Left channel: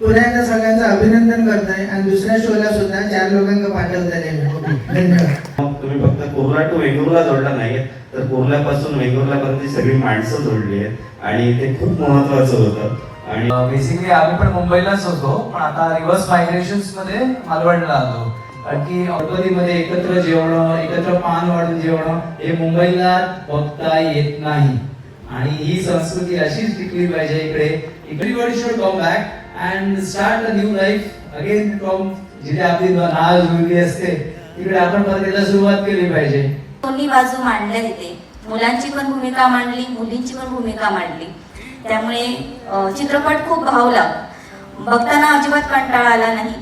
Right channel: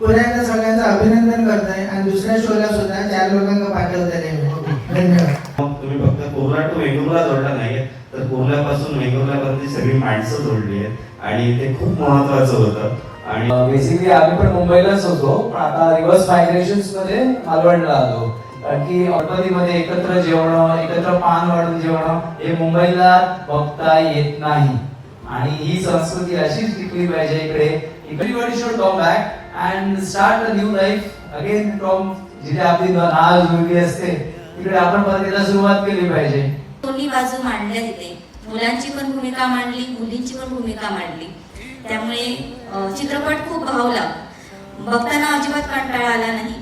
पुन्हा एकदा सगळ्यांचं अभिनंदन करतोय आणि दुसऱ्या शोला सुद्धा 4 लोकांना पाठवताय. धन्यवाद. तुम्ही फक्त कुर्ला टू वेंगुर्ला जोडला नाही तर कुर्ल्यापासून वेंगुर्लापर्यंत सगळी माणसं जोडली आहेत आणि ते खूप महत्वाचं होतं. आणि बेसिकली आम्ही पण मुंबईलाच होतो, पण आता रिव्हर्स मायग्रेशन्स मध्ये मालवणला आलो. कारण की ऑटोरीमध्ये एकत्र जेवणं, एकत्र पान वाढून जेवणं हे मुंबईला बघता येत नाही. आणि ही संस्कृती अशीच टिकली पाहिजे इकडे. Everybody should come back and start a new life again from जिथे आपली नाळ जुळली असते तिकडे आपण परत सुरुवात केली पाहिजे. दोन्ही बाजू मांडल्या तिथे, मुलांची पण भूमिका मांडली, मुलींची पण भूमिका मांडली. त्यामुळे चित्रपट खूप भावला, बघताना अजिबात कंटाळा आला नाही.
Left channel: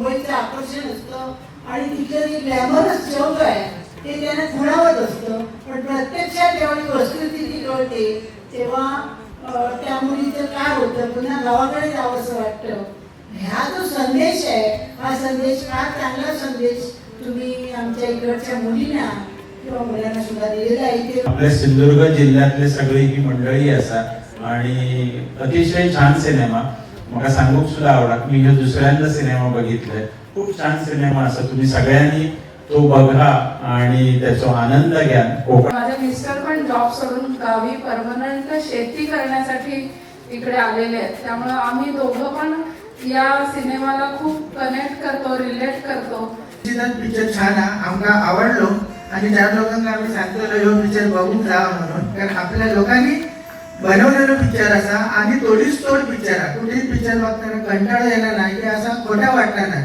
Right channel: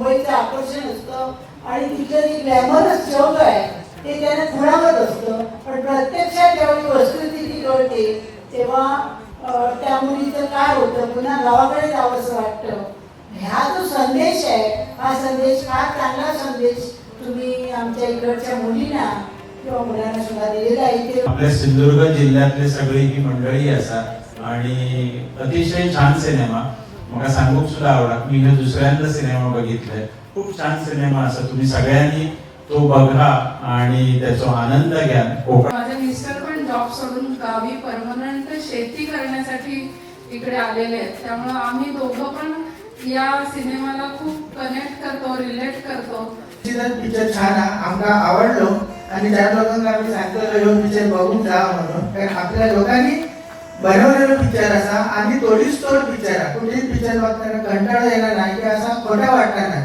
मुंबईचं आकर्षण असतं आणि तिथलं जे ग्लॅमरस जग आहे ते त्याला खुणावत असतं, पण प्रत्यक्षात जेव्हा परिस्थिती कळते तेव्हा त्या मुलीचं काय होतं, पुन्हा गावाकडे जावंसं वाटतं. ह्या जो संदेश आहे हा संदेश फार चांगला संदेश तुम्ही आमच्या इकडच्या मुलींना किंवा मुलांना सुद्धा दिलेला आहे. आपल्या सिंधुदुर्ग जिल्ह्यातले सगळी ही मंडळी असा आणि अतिशय छान सिनेमा मला सांगूक सुद्धा आवडा. मी हे दुसऱ्यांदा सिनेमा बघितलाय, खूप छान सिनेमा असा. तुम्ही सगळ्यांनी तो बघा आणि त्याचा आनंद घ्या. माझे मिस्टर पण जॉब सोडून गावी परमनंट शेती करण्यासाठी इकडे आलेले आहेत, त्यामुळे आम्ही दोघं पण या सिनेमाला खूप कनेक्ट करतो, रिलेट करतो. पिक्चर छान आमका आवडलो आणि 4 लोकांना आम्ही सांगतो पिक्चर बघून जा म्हणून. कारण आपल्या लोकांनी बनवलेलं पिक्चर असा आणि तोडीस तोड पिक्चर आहे. कुठेही पिक्चर बघताना कंटाळा येणार नाही की असा खोटा वाटणार नाही.